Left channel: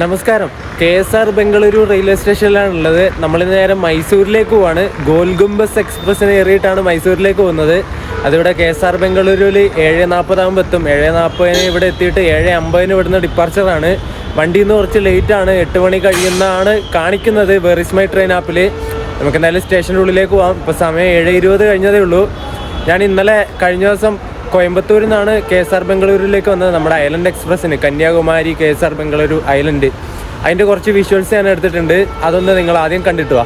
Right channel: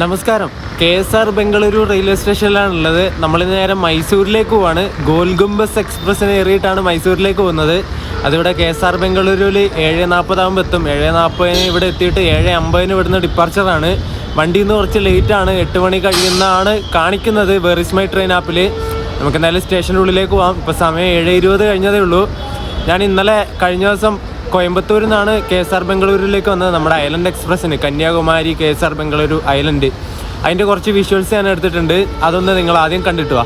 നമസ്കാരം. KSR Bengaluru railway സ്റ്റേഷനിലാണുള്ളത്. നമ്മൾ നേരെ മൈസൂരിലേക്ക് പോവാണ്. ഗോൽഗുംബസ് എക്സ്പ്രസ്സിന് കയറിയിട്ടാണ് മൈസൂരിലേക്ക് പോകുന്നത്. അതിവിടെ KSR ബംഗളൂരുവിൽ 7:40 ആകുമ്പോൾ എത്തും. 7:40 ഇവിടെ എത്തിയിട്ട് 7:50 ഇവിടുന്ന് ഡിപ്പാർച്ചറാണ്. വണ്ടിയിൽ നിന്ന് കുറച്ച് ലേറ്റാണ്, 8 മണി കഴിയുന്നതാണ് കാണിക്കുന്നത് വെർ ഇസ് മൈ ട്രെയിൻ ആപ്പിൽ. നമുക്ക് എന്തായാലും സ്റ്റേഷൻ്റെ ഉള്ളിലേക്ക് പോകാം. ഇപ്പോൾ സമയം 7:20 കഴിഞ്ഞതേ ഉള്ളൂ. ഞാൻ ഇന്നലെ കഴിഞ്ഞ ദിവസം കോയമ്പത്തൂരിൽ നിന്നാണ് KSR ബംഗളൂരുവിലേക്ക് വന്നത്. നമ്മുടെ ഐലൻഡ് എക്സ്പ്രസ്സിന് കന്യാകുമാരി KSR ബംഗളൂരു ഐലൻഡ്, അതിൻ്റെ കുറച്ച് വിഷ്വൽസ് ഞാൻ എടുത്തിട്ടുണ്ട്. അതൊന്ന് നിങ്ങൾ ആദ്യം കണ്ടിട്ട് വാ.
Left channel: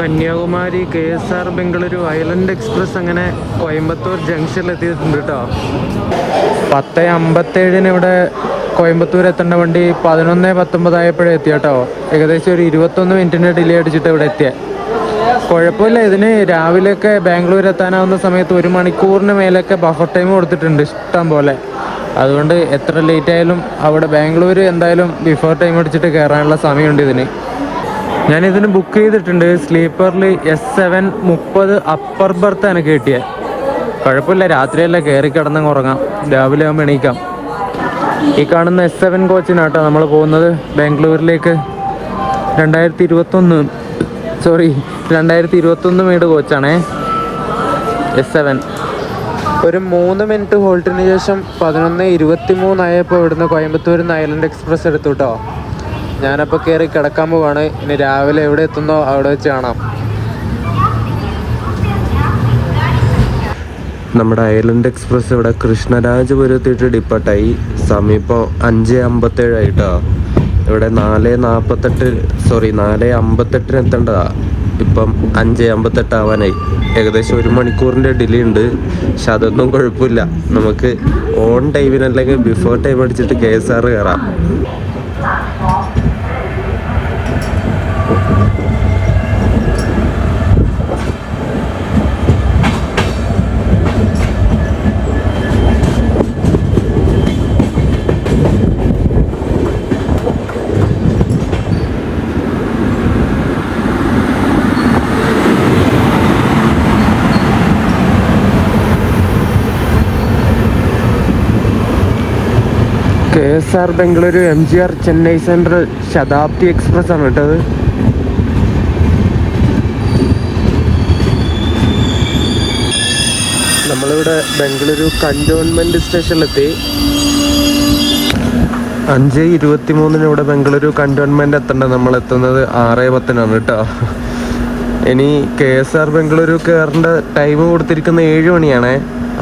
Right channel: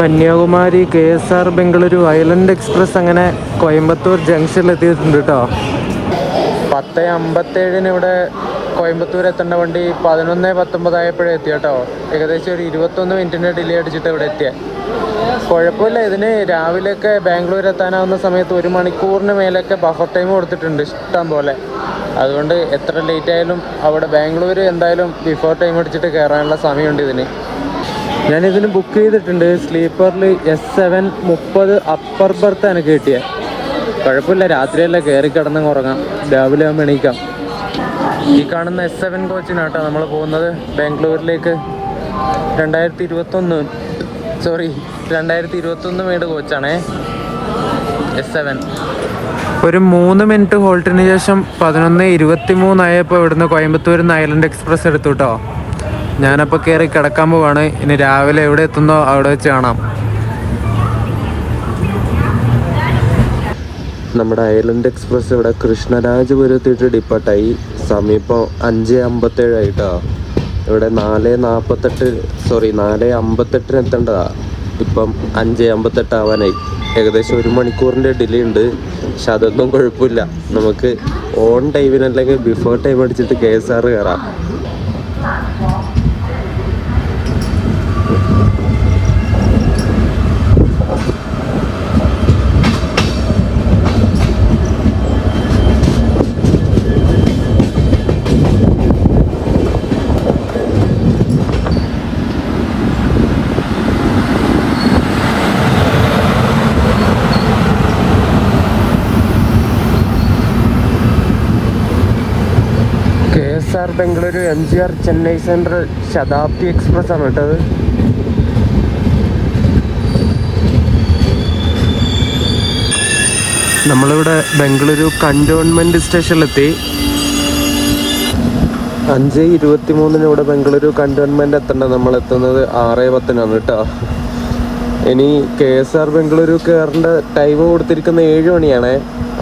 Kanyakumari KSR Bengaluru island express അങ്ങനെ കോയമ്പത്തൂർ ജംഗ്ഷനിൽ എത്തിയിട്ടുണ്ട് കേട്ടോ. 10:57 ഇവിടെ കോയമ്പത്തൂർ എത്തേണ്ട വണ്ടി 11:19 ആയപ്പോഴേ എത്തി കേട്ടോ. ഏകദേശം ഒരു 21 മിനിറ്റിൻ്റെ ഡിലേ അടിച്ചിട്ട് ഇവിടെ എത്തിയത്. കുഴപ്പമില്ല. ഇതിന് രാവിലെയൊക്കെ ബാംഗ്ലൂർ എത്താനാവുന്ന സമയത്ത് 1 മണിക്കൂറിന് മേലൊക്കെ ബഫർ ടൈം കൊടുത്തിട്ടുണ്ട് ഇഷ്ടം പോലെ. അതുകൊണ്ട് എത്ര ലേറ്റ് ആയാലും അവിടെ ബാംഗ്ലൂർ എന്തായാലും ബിഫോർ ടൈം അടിച്ചിട്ട് കയറാനുള്ള സമയമുണ്ട് ഇതിന്. ഞാനിതിന് ബുക്ക് ചെയ്തിട്ടുണ്ട്. സ്ലീപ്പറിൽ S7:30 അപ്പർ ബർത്താണ് കയറ്റിയത്. കുഴപ്പമില്ല, രാത്രിയല്ല, കയറി കിടന്നങ്ങ് ഉറങ്ങാം, രാവിലെ ആകുമ്പോൾ എണീക്കാം. ഈ കാണുന്ന S7 കോച്ചിനാട്ടോ നമ്മൾ പോകുന്നത് ബാംഗ്ലൂരിലേക്ക്. 2021 മെയ്ഡ് കോച്ചാണേ S7. ഒരു 3 മിനിറ്റ് ഹോൾട്ടിന് ശേഷം 11:23 ആയപ്പോൾ ഇവിടുന്ന് കോയമ്പത്തൂരിൽ നിന്ന് ഐലൻഡ് എക്സ്പ്രസ് എടുത്തു കേട്ടോ. ഞാനപ്പോൾ കയറി കിടക്കാൻ പോവാണ്. ഇനി രാവിലെ എവിടെ എത്തുന്നോ അവിടെ വെച്ച് കാണാം. നമ്മുടെ ഐലൻഡ് എക്സ്പ്രസ് ഇവിടെ കൃഷ്ണരാജപുരത്തിട്ട് ഡിപ്പാർട്ടായി. സമയം ഇപ്പോൾ 5:57 ആയിട്ടോ. ഇവിടെ 4:58 എത്തേണ്ടതാ. ഇപ്പം 5:58 ആവാനായി. ഏകദേശം 1 മണിക്കൂറിൻ്റെ ഡിലേ ഉണ്ട്. പക്ഷെ അതൊന്നും കുഴപ്പമില്ല. നമുക്ക് ഓൺ ടൈമിനല്ലെങ്കിൽ ബിഫോർ ടൈം അടിച്ചിട്ട് KSR കയറാം. KSR Bengaluru MGR Chennai central Shatabdi express ആണ് കേട്ടത്. നമ്മളിവിടെ ബംഗളൂരു കണ്ടോൺമെന്റ് സ്റ്റേഷനിലെത്തി. 5:23 ഇവിടെ ബംഗളൂരു കണ്ടോൺമെന്റ് എത്തേണ്ടത്. നമ്മൾ എത്തുന്നത് 6:10 കേട്ടോ. ഇനി KSR ബംഗളൂരു കയറേണ്ട ടൈം കൊടുത്തിരിക്കുന്ന 7 മണിയാണ്.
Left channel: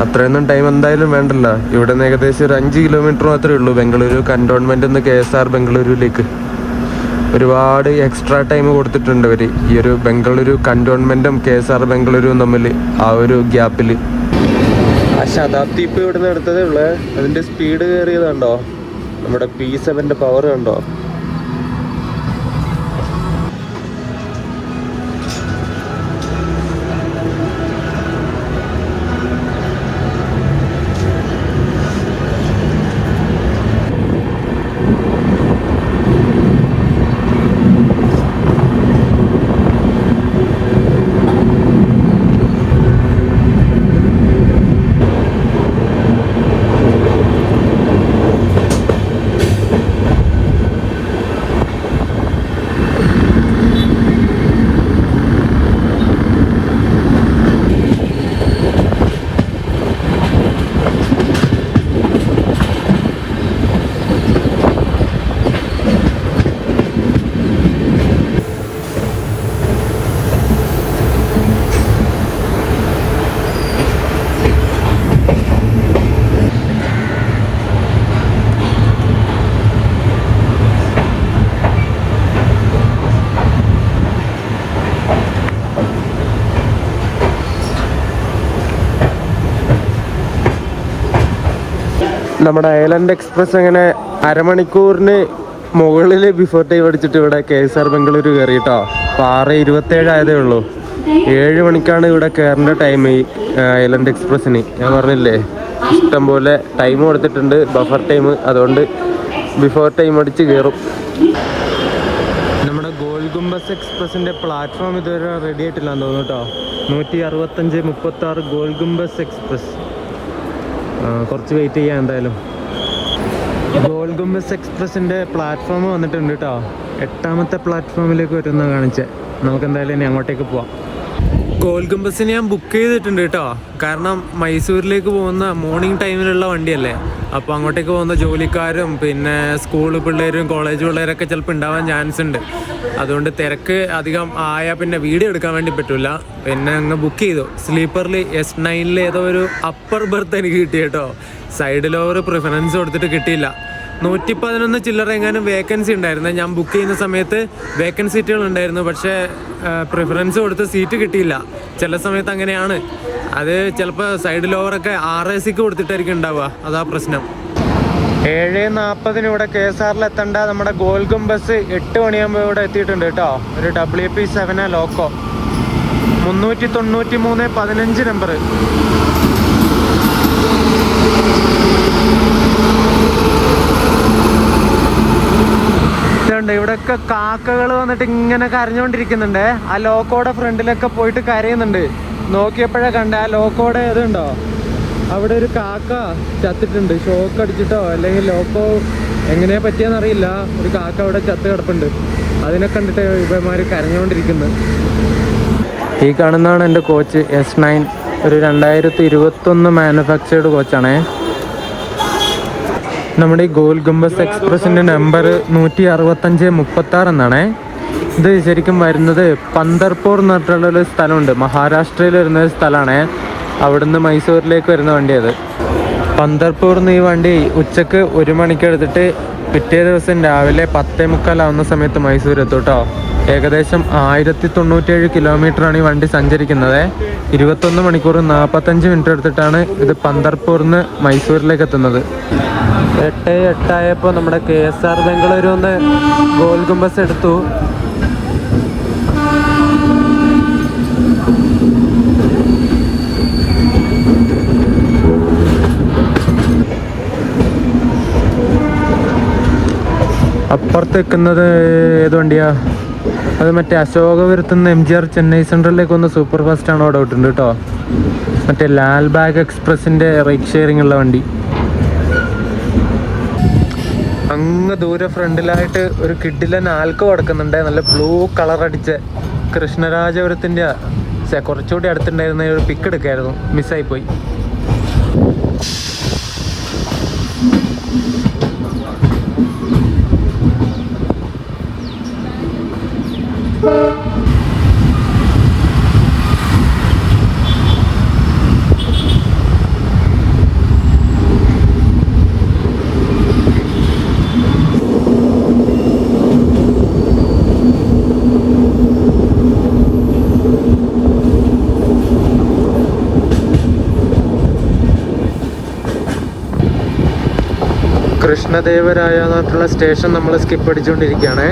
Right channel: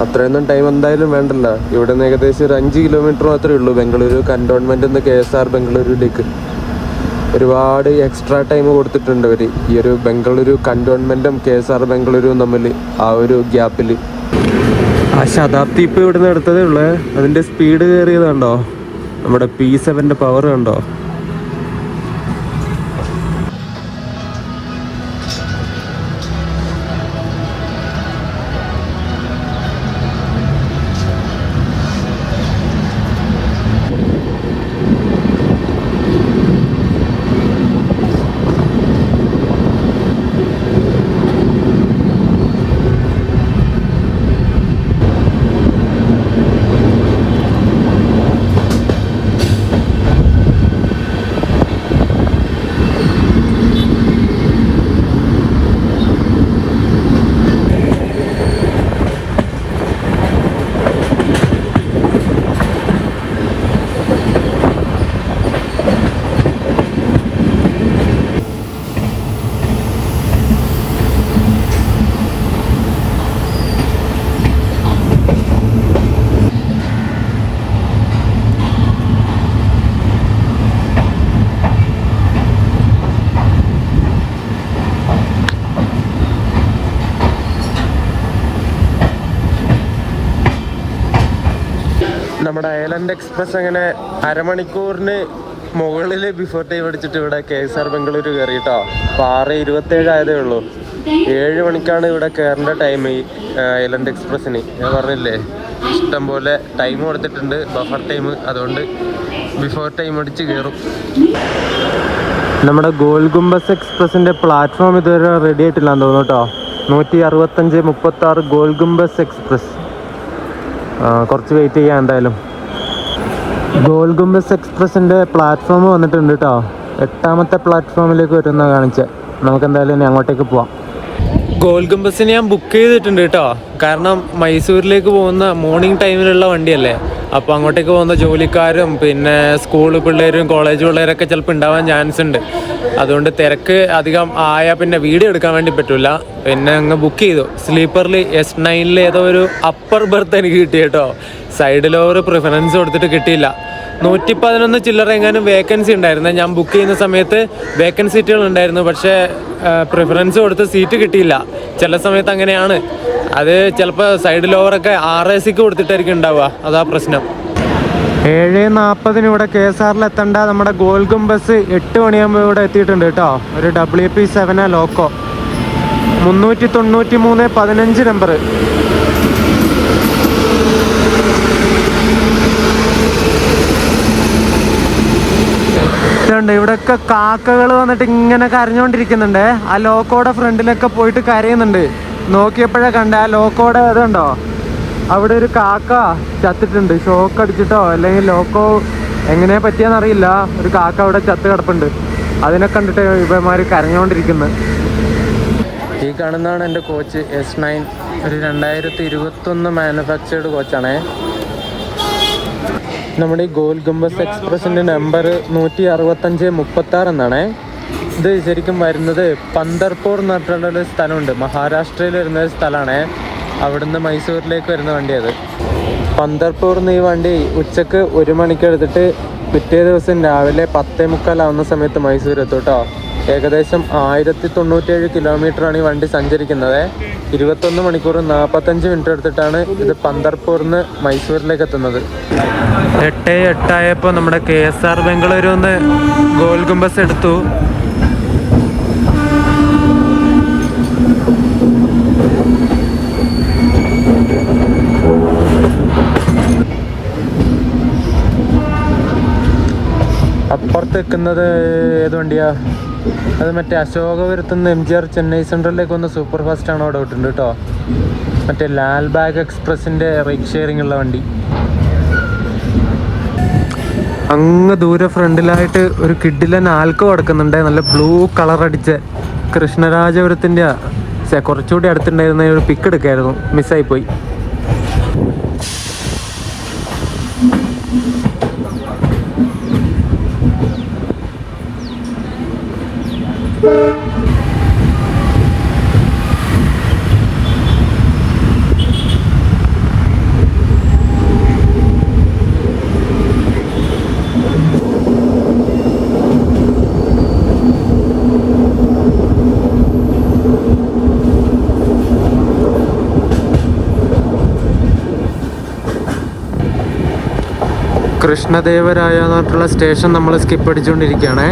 അത്രയൊന്നും ടൈം എന്തായാലും വേണ്ടല്ല. ഇവിടെ നിന്ന് ഏകദേശം ഒരു 5 കിലോമീറ്റർ മാത്രമേ ഉള്ളൂ ബംഗളൂരു കണ്ടോൺമെൻറ്റിൽ നിന്ന് KSR ബംഗളൂരുവിലേക്ക്. ഒരുപാട് എക്സ്ട്രാ ടൈം കൊടുത്തിട്ടുണ്ട് അവർ ഈ ഒരു ബംഗളൂരു കണ്ടോൺമെൻറ്റും KSR ബംഗളൂരുവും തമ്മിൽ ആ ഒരു ഗ്യാപ്പിൽ. ആ ശതാബ്ദി ഇപ്പോൾ ഇവിടുന്ന് എടുത്തതേ ഉള്ളൂ. അതിൻ്റെ സ്പീഡ് കയറിയത് കണ്ടോ? നമ്മുടെ P7 പവർ കണ്ടോ? നമ്മുടെ ഐലൻഡ് എക്സ്പ്രസ് അങ്ങനെ അരമണിക്കൂറിന് മുകളിൽ ബിഫോർ ടൈം അടിച്ചിട്ട് ഇവിടെ KSR ബംഗളൂരു കയറി കേട്ടോ. അപ്പോൾ 6:27 ആയതേ ഉള്ളൂ. 7 മണിക്കാണ് ഇവിടെ കയറേണ്ട ടൈം ഈ ഐലൻഡ് എക്സ്പ്രസ്സിന്. ഞാൻ പറഞ്ഞില്ലേ, ഇഷ്ടം പോലെ ടൈം കൊടുത്തിട്ടുണ്ട്, ബഫർ ടൈം. അതുകൊണ്ട് ബിഫോർ ടൈം അടിച്ച് കയറും. നമ്മുടെ ഗോൾ ഗുംബസ് എക്സ്പ്രസിൻ്റെ പ്ലാറ്റ്ഫോം ഇതുവരെ റെഡി ആയിട്ടില്ലാന്ന് തോന്നുന്നു കേട്ടോ. 165-36 ഗോൾ ഗുംബസ് എക്സ്പ്രസ്. കുറച്ച് വെയിറ്റ് ചെയ്യാം എന്തായാലും. ഗോൾ ഗുംബസ് എക്സ്പ്രസിൻ്റെ പ്ലാറ്റ്ഫോം വന്നിട്ടുണ്ട് കേട്ടോ. 8ാമത്തെ പ്ലാറ്റ്ഫോമിലേക്ക് വരുന്ന കാണിച്ചത്. നമുക്ക് എന്തായാലും ഇനി അങ്ങോട്ടേക്ക് പോവാം. ഗോൾ ഗുംബസിന് ഞാൻ ബുക്ക് ചെയ്തിട്ടുണ്ട് കേട്ടോ. കാരണം മൈസൂരിലേക്ക് പോകുന്ന മോർണിംഗ് ടൈമിലുള്ള വണ്ടിയല്ലേ. അപ്പോൾ അങ്ങോട്ടേക്ക് പോകുന്ന ജോലിക്കാരും പിന്നെ സ്കൂൾ പിള്ളേരും കോളേജ് പിള്ളേരൊക്കെ ചിലപ്പോൾ ഉണ്ടാവാൻ ചാൻസ് ഉണ്ട്. അതുകൊണ്ട് തിരക്ക് അധികം ആയാൽ പിന്നെ വീഡിയോ എടുക്കാൻ വേണ്ടി പറ്റില്ല. പിന്നെ അങ്ങ് ബുക്ക് ചെയ്തു. സ്ലീപ്പറിൽ S9 ഏതോ ഒരു അപ്പർ ബർത്ത് എനിക്ക് കിട്ടി കേട്ടോ. സൈഡിലോവർ പ്രിഫറൻസ് കൊടുത്തിട്ട് കിട്ടിയില്ല. 111 ചില്ലറ എങ്ങാനും വേക്കൻസി ഉണ്ടായിരുന്നു. ഞാൻ ബുക്ക് ചെയ്യുന്ന സമയത്ത് വേക്കൻസി സീറ്റുകൾ ഉണ്ടായിരുന്നു. പക്ഷേ പ്രിഫറൻസ് കൊടുത്ത് സീറ്റ് കിട്ടിയില്ല. ചില സമയത്ത് അങ്ങനെയാണ്. അത് ചിലപ്പോൾ സൈഡിൽ ഓവറൊക്കെ RACക്ക് കൊടുത്തിട്ടായിരിക്കും ഉണ്ടാവുക. അതാ പ്രശ്നം. 7:40 ഇവിടെ KSRൽ എത്തേണ്ട നമ്മുടെ ഗോൾ ഗുംബസ് 8 മണിയാകുമ്പോൾ ഇവിടെ എത്തിയിട്ടുണ്ട് കേട്ടോ. ഒരു WP7 ലോക്കോ 393-15 നമ്പർ. ഇവിടെയൊക്കെ കാക്കകൾ വന്നിട്ട് ഇങ്ങനെ കരഞ്ഞോണ്ടിരിക്കുന്നുണ്ട്. ആ ലോക്കോടെ ഫ്രണ്ടിലൊക്കെ പോയിട്ട് കരയുന്നുണ്ട്. നോക്കിയപ്പോഴേ കണ്ട ആ ലോക്കോടെ അതുണ്ടോ, അവിടെ ഒരു കാക്ക ചത്തിട്ടുണ്ട്. ഷോക്ക് അടിച്ചിട്ടോ അല്ലെങ്കിൽ ലോക്കോ എങ്ങനെ പറ്റിയെന്നറിയില്ല. ഒരു കാക്ക അവിടെ ചത്ത് കിടപ്പുണ്ട്. അതിനെ കണ്ടിട്ട് ഇവന്മാർ കരഞ്ഞോണ്ടിരിക്കുന്നത്. ഈ കാണുന്നതാണ് എൻ്റെ കോച്ച് S9. ഒരു 2021 മാനുഫാക്ചേർഡ് കോച്ചാണേ. നമ്മുടെ ഈ ഗോൾ ഗുംബസ് എക്സ്പ്രസിൻ്റെ നമ്പർ 165-36 എന്നാണേ. ഇത് ശരിക്കും വരുന്നത് പന്തർപൂർ എന്ന് പറഞ്ഞിട്ടുള്ളൊരു സ്ഥലമുണ്ട്. മഹാരാഷ്ട്രയിൽ വരുന്നൊരു സ്ഥലമാണേ. അവിടുന്ന് മൈസൂരിലേക്ക് വരുന്ന വണ്ടി അത്. പന്തർപൂരിൽ നിന്ന് ഈ വണ്ടി ഉച്ചക്ക് 1 മണിക്ക് എടുത്തിട്ട് പിറ്റേ ദിവസം രാവിലെ 10:45 സമയത്ത് മൈസൂർ എത്തും കേട്ടോ. ഏകദേശം 1097 കിലോമീറ്ററാണ് ഈ വണ്ടി സഞ്ചരിക്കുന്നത്. 21 മണിക്കൂർ 45 മിനിറ്റ് എടുത്തിട്ടാണ് ഇത് പന്തർപൂരിൽ നിന്ന് മൈസൂരിലേക്ക് എത്തുന്നത്. 8:08 ആയപ്പോൾ നമ്മുടെ KSR ബംഗളൂരു ഒന്ന് ഗോൾ ഗുംബസ് എടുത്തു. അപ്പുറത്ത് വെക്കുന്നത് ഏത് വണ്ടിയാ? അത് മറ്റേ അശോകപുരത്തുനിന്ന് MGR ചെന്നൈ സെൻട്രലിലേക്ക് വന്ന് സൂപ്പർ ഫാസ്റ്റ് ആണ് അവിടെ വിട്ടുണ്ട് കേട്ടോ. മറ്റേ ലാൽബാഗ് എക്സ്പ്രസിൻ്റെ റൈറ്റ് ഷെയറിംഗ് ഉള്ള വണ്ടി. അങ്ങ് ദൂരെ ഫ്രണ്ടിലായിട്ട് ഒരു കിഡിലൻ ആൽക്കോ കിടക്കുന്നുണ്ട്. നല്ല ബ്ലൂ കളർ അടിച്ച് കൃഷ്ണരാജപുരത്തിൻ്റെ കുറച്ചുകൂടി അടുത്തുണ്ടായിരുന്ന ഒരു പിക്ക് എടുക്കായിരുന്നു. മിസ്സായിപ്പോയി. കൃഷ്ണദേവരായ എന്നുള്ള സ്റ്റേഷൻ നമ്മൾ സ്കിപ്പ് അടിച്ചുകൊണ്ടിരിക്കുകയാണ്.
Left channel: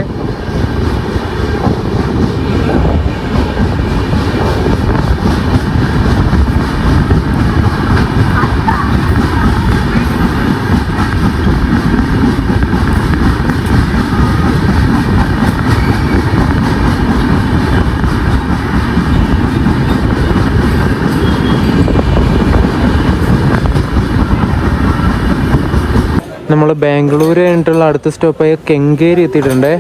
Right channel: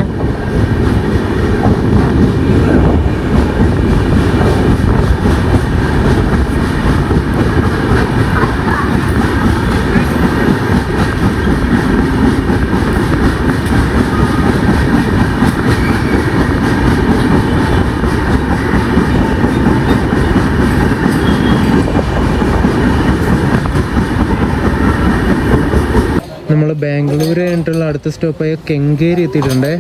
നമ്മൾ ബാംഗ്ലൂർ കഴിഞ്ഞിട്ടുള്ള അടുത്ത സ്റ്റോപ്പായ കെങ്കേരി എത്തിയിട്ടുണ്ട്.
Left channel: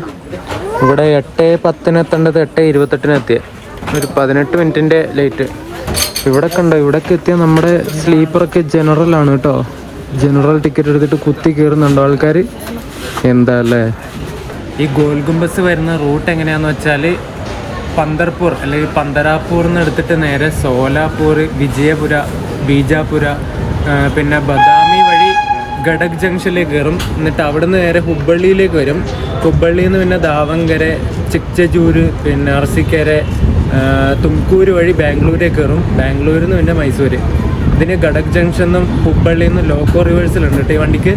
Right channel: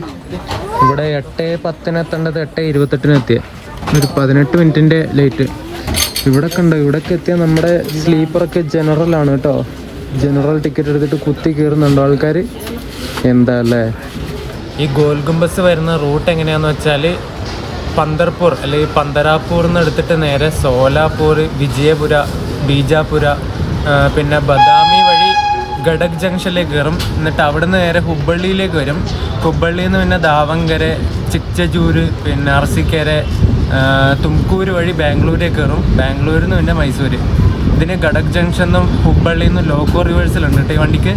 ഇവിടെ 8:10 എത്തേണ്ടത് 8:28 എത്തിയ. ഒരു 18 മിനിറ്റിൻ്റെ ലേറ്റ്. ഇവിടെ കണ്ടോ, ഇവിടേക്ക് എത്തിയ നമ്മുടെ സ്ലീപ്പറൊക്കെ ജനറലാണ് കേട്ടോ. ജനറൽ ടിക്കറ്റ് എടുത്തിട്ട് കുത്തി കയറുന്നുണ്ടോ ആൾക്കാർ. എന്താ അല്ലേ. ഈ ഗോൾ ഗുംബസ് വരുന്ന റൂട്ട് എങ്ങനെയാണെന്ന് വെച്ചാൽ പന്തർപൂർ അല്ലെങ്കിൽ പന്തരാപൂർ എന്ന് എടുത്തിട്ട് നേരെ സോലാപൂർ, വിജയപുര, ബീജാപുര, പിന്നെ ബദാമി വഴി ഗഡക് ജംഗ്ഷനിലേക്ക് കയറും. എന്നിട്ട് അവിടെ നിന്ന് നേരെ ഹുബ്ബള്ളിയിലേക്ക് വരും. ഹുബ്ബള്ളിയിൽ നിന്ന് പിന്നെ ദാവങ്കര, ചിക്ചജൂര്, പിന്നെ അർസിക്കര, തുംകൂര് വഴി ബാംഗ്ലൂരേക്ക് കയറും. ബാംഗ്ലൂരിൽ നിന്ന് പിന്നെ മൈസൂർ. ഇതിന് ഗഡക് ജംഗ്ഷനും ഹുബ്ബള്ളിയിൽ നിന്നും ലോക്കോ റിവേഴ്സലുണ്ട് കേട്ടോ ഈ വണ്ടിക്ക്.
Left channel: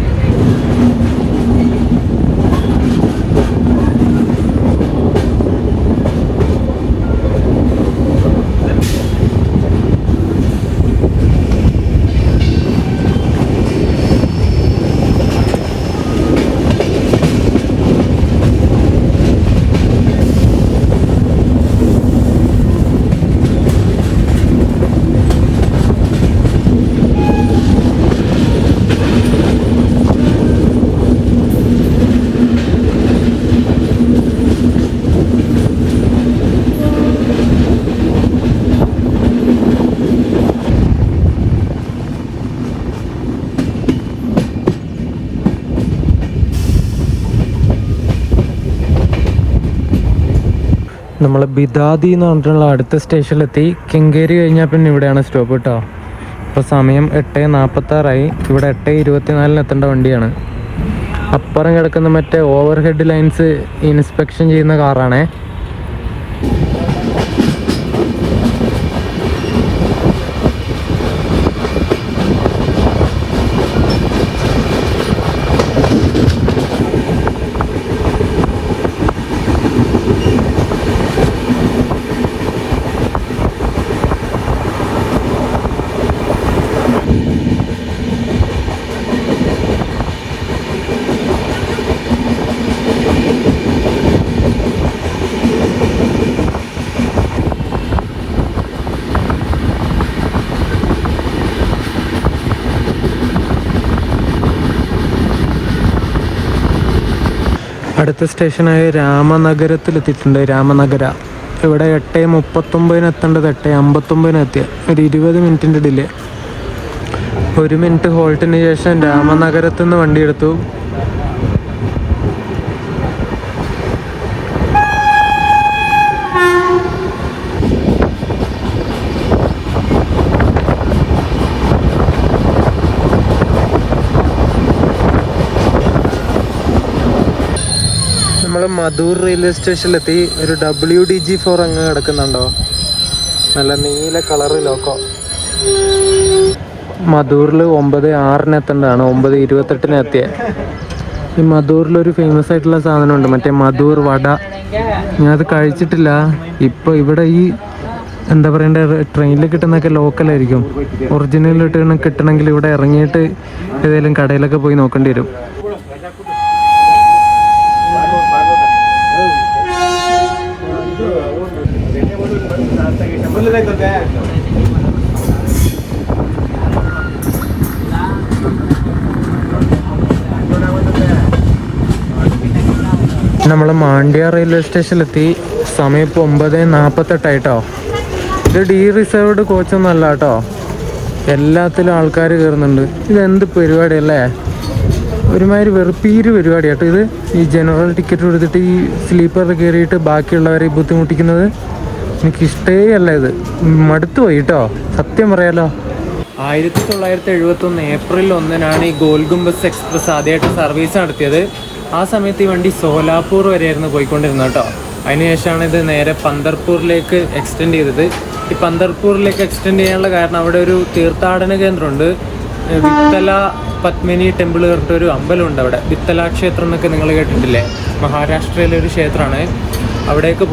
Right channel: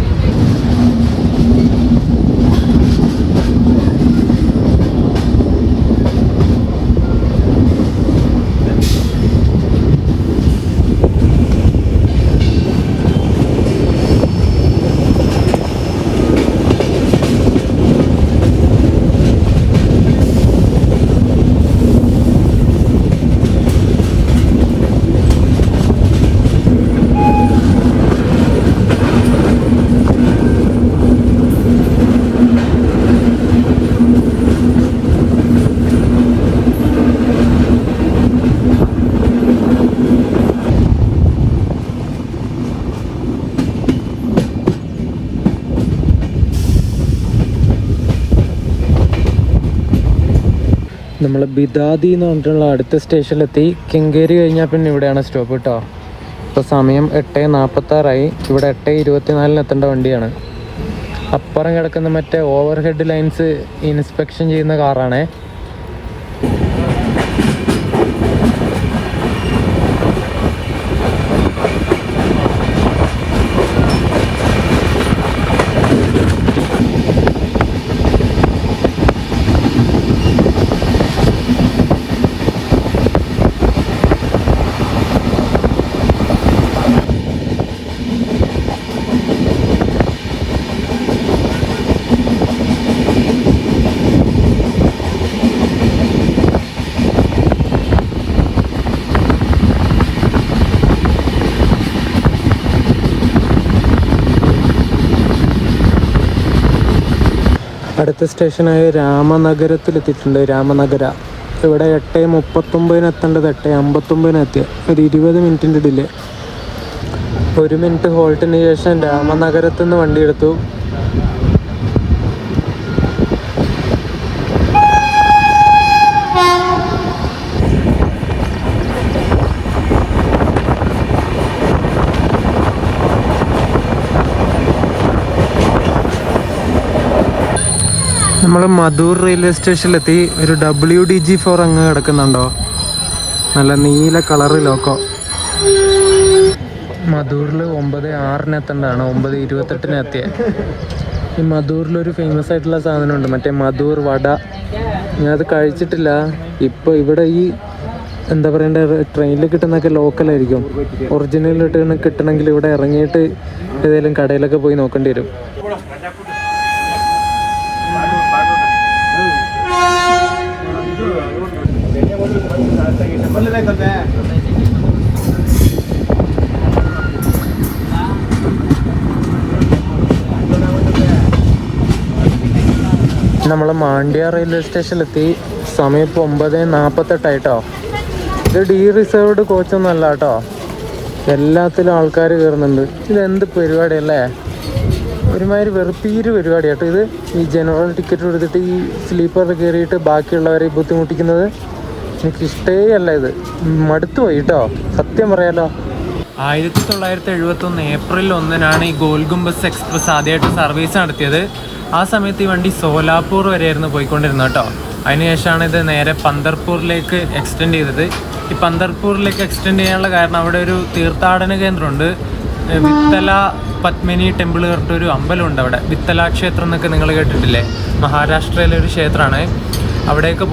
നമ്മൾ ബിദാദി എന്ന് പറഞ്ഞിട്ടുള്ള അടുത്ത സ്റ്റേഷനിലെത്തി. കെങ്കേരി കഴിഞ്ഞാൽ പിന്നെ ഇവിടെയാണ് സ്റ്റോപ്പ് കേട്ടോ. അപ്പോൾ സമയം 8:46 ഇവിടെ 8:24 എത്തേണ്ട വണ്ടിയാണ്. അപ്പുറം കിടക്കുന്ന മറ്റേ ഓവർ ഹെഡ് ലൈൻസ് ഇൻസ്പെക്ഷൻ ചെയ്യുന്ന കാറാണേ. അടുത്ത സ്റ്റേഷനായ രാമനഗരത്തിലെത്തിയിട്ടുണ്ട്. രാമനഗര ഇവിടെ 8:39 എത്തേണ്ടത് 8:59 എത്തി. ഒരു 20 മിനിറ്റിൻ്റെ ഡിലേ. 1 മിനിറ്റ് ഹോൾട്ടിന് ശേഷം രാമനഗരത്തിൽ നിന്ന് വണ്ടി എടുത്തു. മധൂർ റെയിൽവേ സ്റ്റേഷനിലെത്തി. ഒരു WDG4 അങ്ങ് കിടക്കുന്നുണ്ടോ, നല്ല നീല കളറ് ലോക്കോ. മധൂറിൽ 9:06 എത്തേണ്ടതാണ്, 9:28 എത്തിയത്. ഈ മധൂറിലൊരു ഫേമസ് ആയിട്ടുള്ള സാധനമുണ്ട്, മറ്റേ മധൂർ വട. ഞാനത് കഴിച്ചിട്ടില്ല. ഇപ്പോൾ ഇവിടെ ഈ എന്താ പറയണ്ടേ, ട്രെയിനിൽ കിട്ടുന്നതൊക്കെ ലോക്കലായിരിക്കും. ഒറിജിനലായിട്ട് കിട്ടണമെങ്കിൽ ഇവിടെ ഇറങ്ങിയിട്ട് ഏതെങ്കിലും കടയിലൊക്കെ പോയി നോക്കേണ്ടി വരും. നമ്മൾ മാണ്ഡ്യ റെയിൽവേ സ്റ്റേഷനിലെത്തി. സമയം ഇപ്പോൾ 9:48 ഇത് ഡി റിസർവ്ഡ് കോച്ചൊന്നും അല്ല കേട്ടോ. എല്ലാത്തിലും ആൾക്കാർ കയറുന്നുണ്ട്. ഇതെന്ത് പരിപാടിയല്ലേ, ഒരുമാതിരി വെറുപ്പീര് പരിപാടി കേട്ടോ ഇത്. ഈ ജനറൽ ടിക്കറ്റ് കൊടുത്തിട്ട് ഈ സ്ലീപ്പറിൽ കയറിയിട്ട് ബാക്കിയുള്ളവരെ ബുദ്ധിമുട്ടിക്കുന്നത് എനിക്കിഷ്ടേ അല്ല. ഇത് മടുത്തു പോയി കേട്ടോ, സത്യം പറയാലോ. 1971 ഏപ്രിൽ 1 ഈ ഗോൽഗുംബസ് എക്സ്പ്രസ് ആദ്യമായിട്ട് സർവീസ് നടത്തിയത്. ആ സമയത്ത് ഈ വണ്ടി സോലാപൂർ വരെയായിരുന്നു പോയിക്കൊണ്ടിരുന്നത് കേട്ടോ. അതിനുശേഷമാണ് ഇത് നേരെ പന്തർപൂരിലേക്ക് എക്സ്റ്റെൻഡ് ചെയ്തത്. ഈ പന്തർപൂരിലേക്ക് എക്സ്റ്റെൻഡ് ചെയ്യാനുള്ള കാരണം അവിടെ ഒരു തീർത്ഥാടന കേന്ദ്രമുണ്ട്. വിത്തല പത്മിനി ടെമ്പിൾ പറഞ്ഞിട്ടൊരു അമ്പലമുണ്ട് അവിടെ. വിത്തല ക്ഷേത്രം എന്നൊക്കെ നിങ്ങൾ കേട്ടിട്ടില്ലേ, മഹാരാഷ്ട്രയിലെ ഒരു ക്ഷേത്രമാണ്. അവിടേക്ക്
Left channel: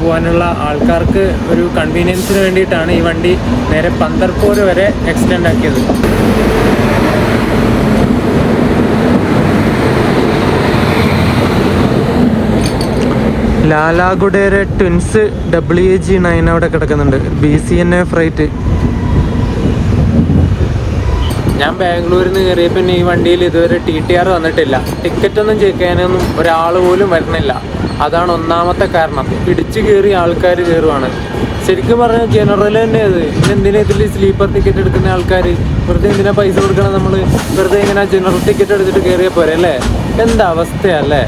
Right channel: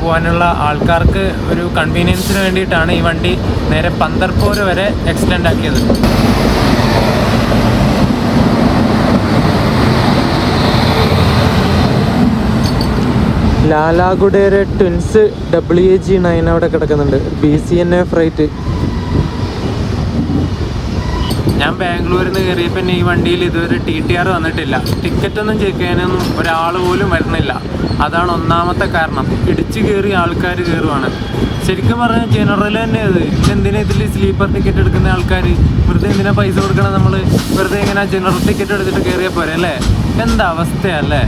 പോകാനുള്ള ആൾക്കാർക്ക് ഒരു കൺവീനിയൻസിന് വേണ്ടിയിട്ടാണ് ഈ വണ്ടി നേരെ പന്തർപൂർ വരെ എക്സ്റ്റെൻഡ് ആക്കിയത്. ലാലാഗുഡേരെ ട്വിൻസ് WAG9 അവിടെ കിടക്കുന്നുണ്ട്. BCNA freight. ഞാൻ ബാംഗ്ലൂരിൽ നിന്ന് കയറിയപ്പോൾ ഈ വണ്ടിയിൽ ഇതുവരെ TTR വന്നിട്ടില്ല. ടിക്കറ്റൊന്നും ചെക്ക് ചെയ്യാനൊന്നും ഒരാൾ പോലും വരുന്നില്ല. അതാണ് ഒന്നാമത്തെ കാരണം. ഇടിച്ചു കയറി ആൾക്കാർ കയറുവാണ്. ശരിക്കും പറഞ്ഞാൽ ജനറൽ തന്നെ അത്. എന്തിനാ ഇതിൽ സ്ലീപ്പർ ടിക്കറ്റ് എടുക്കുന്ന ആൾക്കാർ വെറുതെ എന്തിനാ പൈസ കൊടുക്കണം? നമ്മൾ വെറുതെ ഇങ്ങനെ ജനറൽ ടിക്കറ്റ് എടുത്തിട്ട് കയറിയാൽ പോരെ അല്ലേ? എന്താ അവസ്ഥയല്ലേ?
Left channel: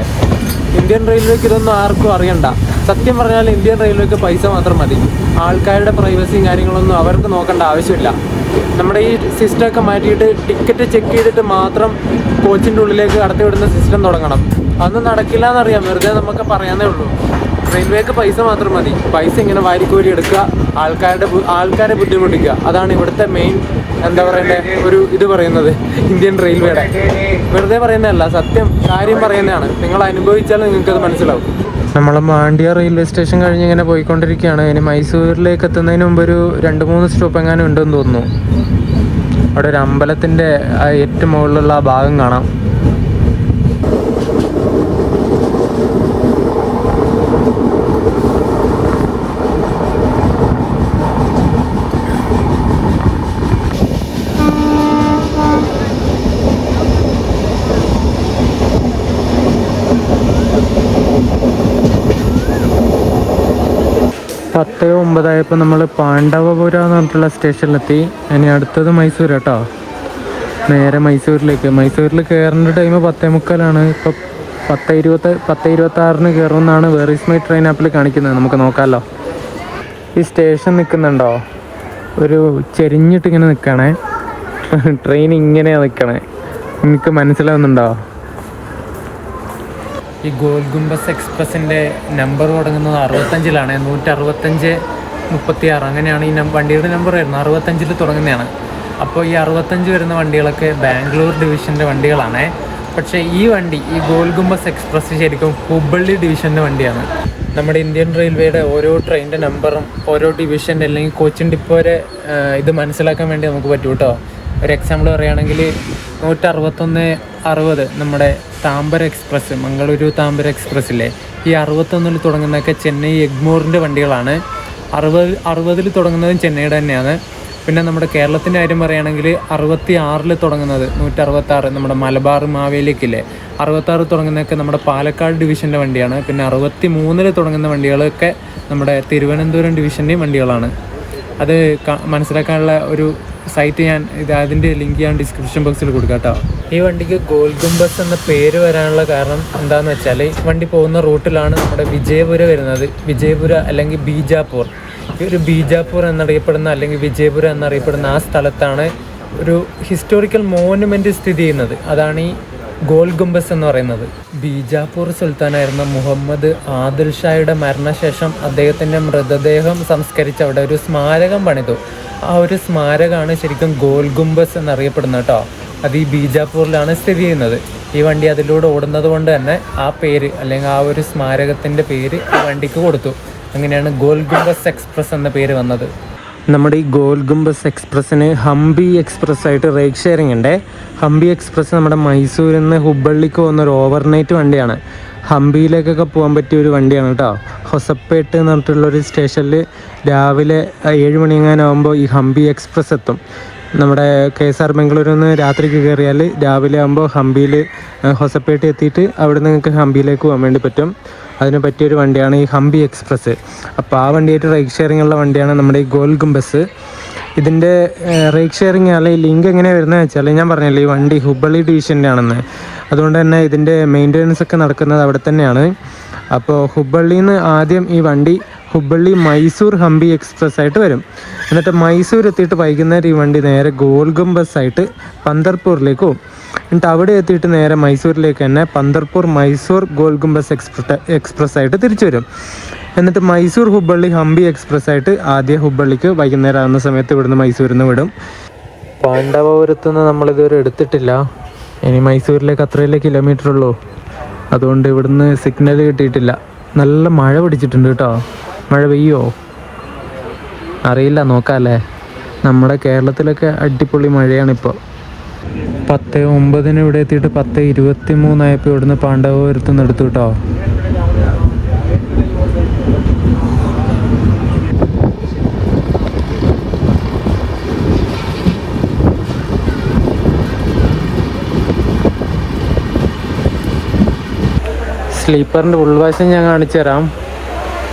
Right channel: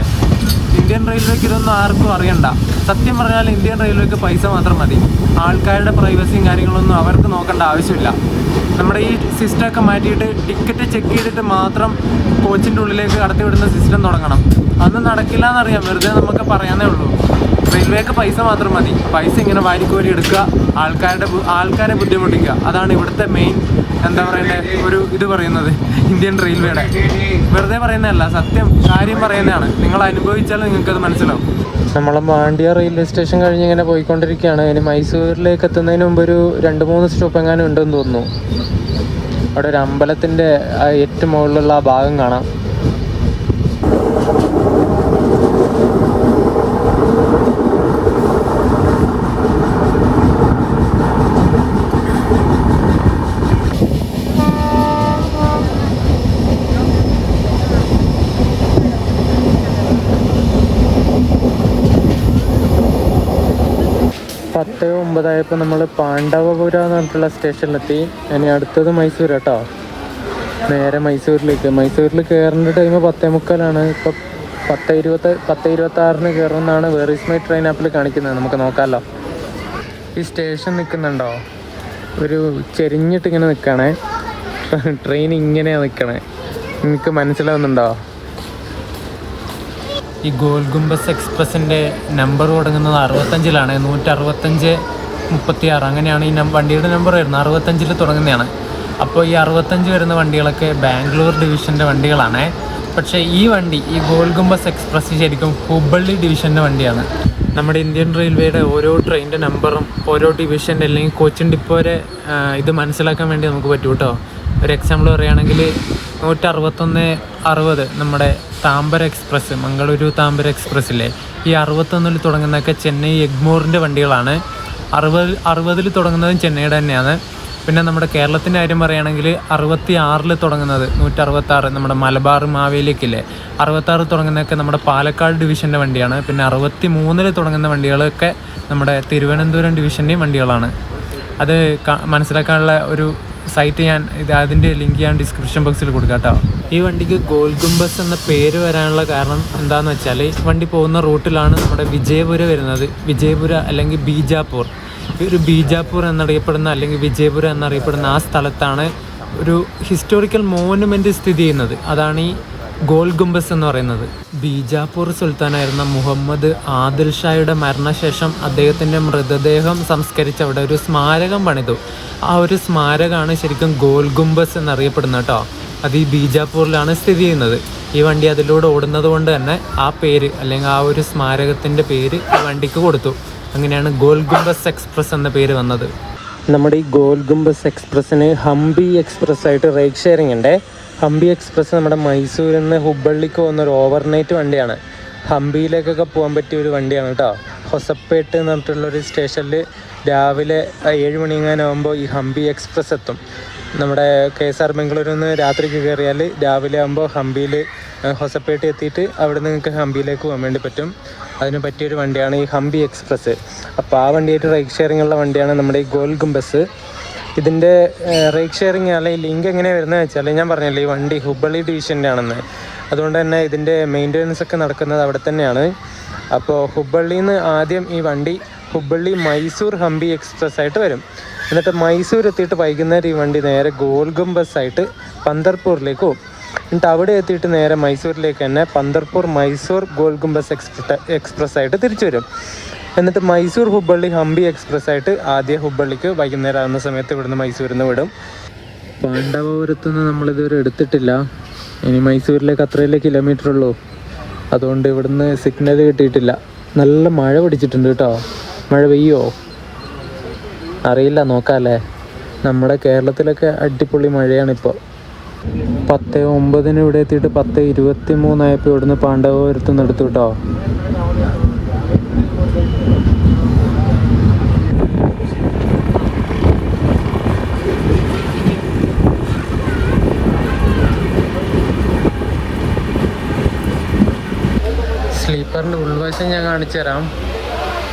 ഇന്ത്യൻ റെയിൽവേക്ക് ഇതൊന്നും ആർക്കും അറിയണ്ട. സത്യം പറഞ്ഞാൽ ഇന്ത്യൻ റെയിൽവേക്ക് പൈസ മാത്രം മതി. ആൾക്കാരുടെ പ്രൈവസിയും കാര്യങ്ങളൊന്നും അവർക്ക് നോക്കേണ്ട ആവശ്യമില്ല. നമ്മുടെ ഈ സിസ്റ്റമൊക്കെ മാറ്റിയിട്ട് ടിക്കറ്റ് ചെക്ക് ചെയ്തിട്ട് മാത്രം കോച്ചിൻ്റെ ഉള്ളിലേക്ക് കടത്തിവിടുന്ന സിസ്റ്റം തുടങ്ങണം. അതൊന്നും നടക്കില്ല എന്നറിയാം, വെറുതെ നമുക്ക് പറയാനേ ഉള്ളൂ. റെയിൽവേക്ക് പൈസ മാത്രം മതി. പൈസ ഇങ്ങനെ വാരിക്കോരി എടുക്കുക, ആൾക്കാരെ ബുദ്ധിമുട്ടിക്കുക. അതാണ് ഇവിടുത്തെ മെയിൻ എന്താ പറയണ്ടേ ഒരു ഇത് പറയുന്നത് ഇന്ത്യൻ റെയിൽവേയുടെ. വെറുതെ പറയുന്നതല്ല, സത്യം കാര്യം പറയുന്നതാണ്. നിങ്ങൾ അനുഭവിച്ചാലും നിങ്ങൾക്കത് മനസ്സിലാവും. നമ്മൾ മാണ്ഡ്യ റെയിൽവേ സ്റ്റേഷൻ കഴിഞ്ഞ് ഇങ്ങനെ പോയിക്കൊണ്ടിരിക്കുകയാണ്. ഇനി മൈസൂരിലേക്ക് എത്തുന്നതിന് മുമ്പ് ഒരു 2-3 സ്റ്റോപ്പ് എങ്ങാനും ഉണ്ടെന്ന് തോന്നുന്നു. അവിടെ ഒരു അമ്പലത്തിൻ്റെ ഏറ്റവും മുകളിലുള്ള ആ ഭാഗം കാണാം. ഇപ്പോൾ നമ്മൾ പാണ്ഡവപുര എന്ന് പറഞ്ഞിട്ടുള്ള സ്റ്റേഷനിലെത്തി. ഇനി അടുത്തത് മൈസൂർ കേട്ടോ. നേരെ മൈസൂരിലേക്ക്. മൈസൂരിൽ കയറേണ്ട ടൈം 10:45. ഇപ്പോൾ 10:26 കയറുമെന്നാണ് വേർ ഈസ് മൈ ട്രെയിൻ ആപ്പിൽ കാണിക്കുന്നത്. നമുക്ക് നോക്കാമല്ലോ. ഈ സ്റ്റേഷൻ നിൽക്കുന്നുണ്ടോ? ഒരു ചെരിഞ്ഞിട്ട് ഇങ്ങനെ നിൽക്കണേ. ട്രെയിൻ ഇങ്ങനെയാണ് നിൽക്കണേ. നിങ്ങൾക്ക് മനസ്സിലാവുന്നുണ്ടോ? ഈ ഗോൾ ഗുംബസ് എക്സ്പ്രസിൻ്റെ നമ്പർ തുടങ്ങുന്നത് 65-ലാണ്. 165-36 അങ്ങനെയാണ് ഈ വണ്ടിയുടെ നമ്പർ വരുന്നത്. 65-ൽ തുടങ്ങുന്നതാണ്. അപ്പോൾ ഈ 65 വരുന്ന വണ്ടികളൊക്കെ ബാംഗ്ലൂർ ഡിവിഷൻ്റെ വണ്ടികളാണ്. പക്ഷേ ഈ വണ്ടി, ഈ ഗോൾ ഗുംബസ് എക്സ്പ്രസ് ശരിക്കും ഹുബ്ബള്ളി ഡിവിഷൻ്റെ വണ്ടിയാണ്. നമ്മുടെ ഇന്ത്യൻ റെയിൽവേയുടെ ഓരോ ട്രെയിനിൻ്റെ നമ്പറും ഓരോ ഡിവിഷൻ്റെ അല്ലെങ്കിൽ കോച്ചിൻ ഡിപ്പോ വരെ ഇത് മനസ്സിലാക്കാൻ വേണ്ടി നമുക്ക് പറ്റും കേട്ടോ. ഒരു എക്സാമ്പിൾ പറയുകയാണെങ്കിൽ 161-60 നമ്മുടെ താമ്പര എക്സ്പ്രസ്, മംഗളൂരു താമ്പര എക്സ്പ്രസ്സിലെ ഈ 61-ൽ തുടങ്ങുന്നതൊക്കെ ചെന്നൈ എഗ്മോറിൻ്റെ വണ്ടികളാണ്. 60-ൽ തുടങ്ങുന്നതും ചെന്നൈയുടെ തന്നെയാണ്. പിന്നെ നമ്മുടെ കേരളത്തിൻ്റെ കാര്യം പറയുകയാണെങ്കിൽ 66-ൽ തുടങ്ങുന്നത് 166 നമ്മുടെ മലബാർ മാവേലിക്കില്ലേ, 66 തുടങ്ങുന്നതൊക്കെ നമ്മുടെ പാലക്കാട് ഡിവിഷൻ്റെ വണ്ടിയാണ്. പിന്നെ 63-ൽ തുടങ്ങുന്ന വണ്ടികളൊക്കെ നമ്മുടെ തിരുവനന്തപുരം ഡിവിഷൻ്റെയും വണ്ടികളാണ്. അത് മനസ്സിലാക്കാനുള്ള ഒരു സൈറ്റ് അതിൻ്റെ ലിങ്ക് ഞാൻ ഡിസ്ക്രിപ്ഷൻ ബോക്സിൽ കൊടുക്കാം കേട്ടോ. ഈ വണ്ടിക്ക് ഗോൾ ഗുംബസ് എന്ന പേര് വരാനുള്ള കാരണം എന്താണെന്ന് വെച്ചാൽ വണ്ടി പോകുന്ന റൂട്ടിലാണ് നമ്മുടെ വിജയപുര വരുന്നത്. വിജയപുര അല്ലെങ്കിൽ ബീജാപ്പൂർ. ഒരു ബീജാപ്പൂർ എന്നറിയപ്പെടുന്ന അല്ലെങ്കിൽ വിജയപുര എന്നറിയപ്പെടുന്ന ആ സ്ഥലത്താണ് ഒരു ഹിസ്റ്റോറിക്കൽ മോണുമെൻറ്റ് സ്ഥിതി ചെയ്യുന്നത്. അതാണ് ഈ ഗോൾ ഗുംബസ് എന്ന് പറയുന്നത്. ബീജാപ്പൂർ സുൽത്താനായിരുന്ന മുഹമ്മദ് ആദിൽ ഷായുടെ മരണശേഷം അദ്ദേഹത്തിൻ്റെ മൃതദേഹം സംസ്കരിച്ച് അവിടെ ഒരു സ്മാരകം പണിതു. ആ ഒരു സ്മാരകമാണ് ശരിക്കും ഗോൾ ഗുംബസ് എന്നറിയപ്പെടുന്നത് കേട്ടോ. അത് ഈ ബീജാപ്പൂരിലാണ് സ്ഥിതി ചെയ്യുന്നത്. ഈ വണ്ടി അതിലൂടെ ഓടുന്നത് കൊണ്ട് തന്നെ ആ പേര് അല്ലെങ്കിൽ ആ ഒരു സ്മാരകത്തിൻ്റെ പേര് ഈ വണ്ടിക്ക് കൊടുത്തു. അങ്ങനെയാണ് ഗോൾ ഗുംബസ് എക്സ്പ്രസ് എന്ന പേര് വന്നത്. നമ്മുടെ ഈ ഗോൾ ഗുംബസ് എക്സ്പ്രസ്സിന് ഹംപി എക്സ്പ്രസ് ആയിട്ട് റൈഡ് ഷെയറിംഗ് ഉണ്ട്. ഹംപി എക്സ്പ്രസ് നമ്മുടെ മൈസൂരിൽ നിന്ന് ഹുബ്ബള്ളിക്ക് പോകുന്നൊരു ഓവർനൈറ്റ് വണ്ടിയാണ്. ഹംപിയിലേക്കൊക്കെ പോകാൻ പറ്റിയ ഒരു വണ്ടിയാണ് കേട്ടോ. ഹൊസപ്പേട്ട് എന്ന് പറഞ്ഞിട്ടുള്ളൊരു സ്റ്റേഷനിൽ രാവിലെ 7 മണിയാകുമ്പോൾ ഈ ഹംപി എക്സ്പ്രസ് എത്തും. നമ്മുടെ KSR ബംഗളൂരിൽ നിന്ന് രാത്രിക്ക് കയറിയാൽ രാവിലെ ആകുമ്പോൾ ഹംപിയിൽ ഹൊസപ്പേട്ട് എത്തിയിട്ട് അവിടെ നിങ്ങൾക്ക് ഹംപിയിലേക്ക് പോകാൻ വേണ്ടി പറ്റും. അതിന് പറ്റിയൊരു വണ്ടിയാണ് ഈ ഹംപി എക്സ്പ്രസ്. അപ്പോൾ ആ വണ്ടിയായിട്ട് റൈഡ് ഷെയറിംഗ് ഉള്ള വണ്ടിയാണ് നമ്മുടെ ഈ ഗോൾ ഗുംബസ്. ഇതിൻ്റെ റൈഡ് ഷെയറിംഗ് അല്ലെങ്കിൽ ലിങ്ക് എങ്ങനെയാണ് വരുന്നത് വെച്ചാൽ ഞാൻ പറഞ്ഞില്ലേ ഈ വണ്ടി ഹുബ്ബള്ളി ഡിവിഷൻ്റെ ആണെന്ന്. അതുകൊണ്ട് തന്നെ ഇതിൻ്റെ മെയിൻ്റെനൻസ് ഒക്കെ നടക്കുന്നത് അവിടെ തന്നെയാണ്. അപ്പോൾ ഹുബ്ബള്ളിയിൽ നിന്ന് ആദ്യം ഈ വണ്ടി ഹുബ്ബള്ളി മൈസൂർ ഹംപി എക്സ്പ്രസ് ആയിട്ട് വരും. എന്നിട്ട് മൈസൂർ എത്തിയിട്ട് വൈകുന്നേരം ഈ വണ്ടി നേരെ ഗോൾ ഗുംബസ് ആയിട്ട് പന്തർപൂരിലേക്ക് പോകും. എന്നിട്ട് അവിടെ എത്തിയിട്ട് നേരെ മൈസൂരിലേക്ക് തന്നെ പന്തർപൂർ മൈസൂർ ഗോൾ ഗുംബസ് എക്സ്പ്രസ് ആയിട്ട് തിരിച്ചു വരും. എന്നിട്ട് മൈസൂർ ഹുബ്ബള്ളി ഹംപി എക്സ്പ്രസ് ആയിട്ട് ആദ്യം ഹുബ്ബള്ളിക്ക് വൈകുന്നേരം ആകുന്ന സമയത്ത് ഇവിടുന്ന് മൈസൂരിൽ നിന്ന് വിടും. പാണ്ഡവപുരത്തുനിന്ന് നമ്മളിതുവരെ എടുത്തിട്ടില്ല. ഇനി മൈസൂരിലേക്ക് അത്രയല്ലേ കിലോമീറ്റർ ഉള്ളൂ. അതുകൊണ്ട് ഇവിടുന്ന് സിഗ്നൽ കിട്ടിയിട്ടില്ല. നല്ല മഴ പിടിച്ചിട്ടുണ്ട് കേട്ടോ. മഴ പെയ്യോ അറിയില്ല, നോക്കാമല്ലേ. നമ്മുടെ കേരളത്തിലൊക്കെ അടിപൊളി മഴയാണിപ്പോൾ. 10:09 ഇവിടെ എത്തിയിട്ട് 10:23 ആയപ്പോൾ ഇവിടുന്ന് പാണ്ഡവപുരത്ത് നിന്ന് എടുത്തു കേട്ടോ. സ്ലീപ്പറിൻ്റെ ഉൾവശം ഞാൻ കാണിച്ചു തരാം.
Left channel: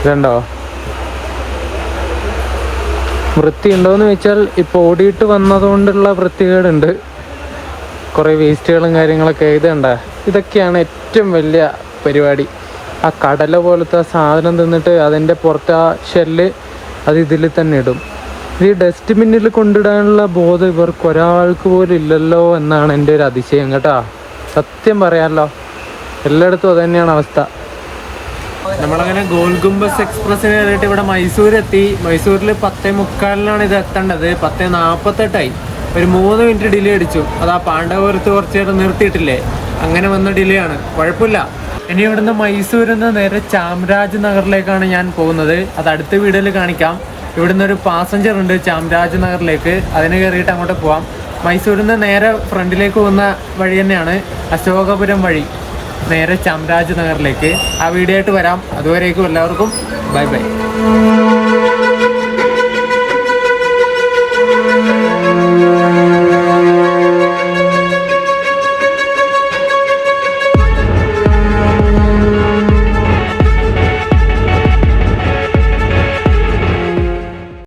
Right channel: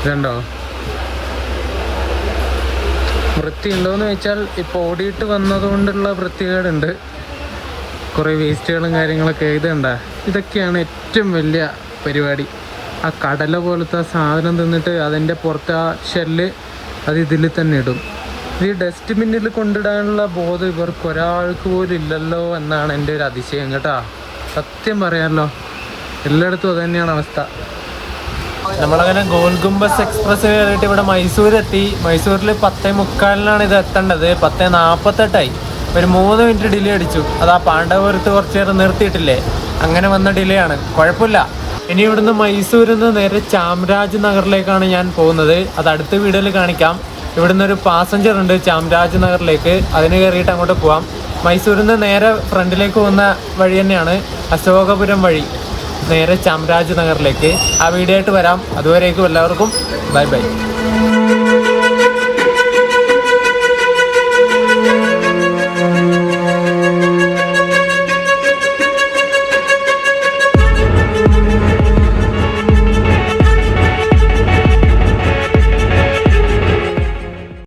ഇതുണ്ടോ, വൃത്തി ഉണ്ടോയെന്ന് വെച്ചാൽ ഇപ്പോൾ ഓടിയിട്ട് വന്നതുകൊണ്ടുള്ള വൃത്തികേടുണ്ട്. കുറേ വേസ്റ്റുകളും കാര്യങ്ങളൊക്കെ. ഇതുണ്ട, ഇതൊക്കെയാണ് ഏറ്റവും വലിയ പരിപാടി. ആ കടല പോലത്തെ സാധനം തിന്നിട്ട് അതിൻ്റെ പുറത്ത് ആ ഷെല്ല് അത് ഇതിൽ തന്നെ ഇടും. ഈ ഡസ്റ്റ്ബിന്നിൽ കൊണ്ടിടാനുള്ള ബോധം ഇവർക്ക് ഒരാൾക്ക് പോലും ഇല്ലല്ലോ എന്നാണ് എൻ്റെ ഒരു അതിശയം കേട്ടോ. സത്യം പറയാമല്ലോ, എല്ലായിടത്തും അത് തന്നെയാണ് അവസ്ഥ. നമ്മളങ്ങനെ ഗോൾ ഗുംബസ് എക്സ്പ്രസ്സിന് കയറിയിട്ട് ഇവിടെ മൈസൂരെത്തി. മൈസൂരിൽ 10:45 ഇത് എത്തേണ്ടത്. 10:48 ഒരു 3 മിനിറ്റ് ഡിലേ അടിച്ചു. അത് ആ പാണ്ഡവപുരത്ത് കുറച്ച് നേരം നിർത്തിയിട്ടില്ലേ, അങ്ങനെ വന്ന ഡിലേ ആണ്. കുഴപ്പമില്ല. ഇനി ഇവിടുന്ന് മൈസൂരിൽ നിന്ന് നേരെ ചാംരാജ് നഗറിലേക്കാണ് ഞാൻ പോകുന്നത്. അത് അടുത്ത വീഡിയോയിൽ കാണിക്കാം. ഇവിടുന്ന് ഒരു പാസഞ്ചർ ഉണ്ട് ചാംരാജ് നഗറിലേക്ക്. അതിന് കയറിയിട്ട് അങ്ങോട്ട് പോവാം. മൈസൂരിൽ നിന്ന് നേരെ ഫ്രണ്ടിലേക്ക് പോകുന്ന വഴി തന്നെയാണ്, അശോകപുരം വഴി നേരെ ചാംരാജ് നഗറിലേക്ക്. ആ വീഡിയോ ആയിട്ട് വരാം. അതുവരേക്കും എല്ലാവർക്കും ബൈ ബൈ.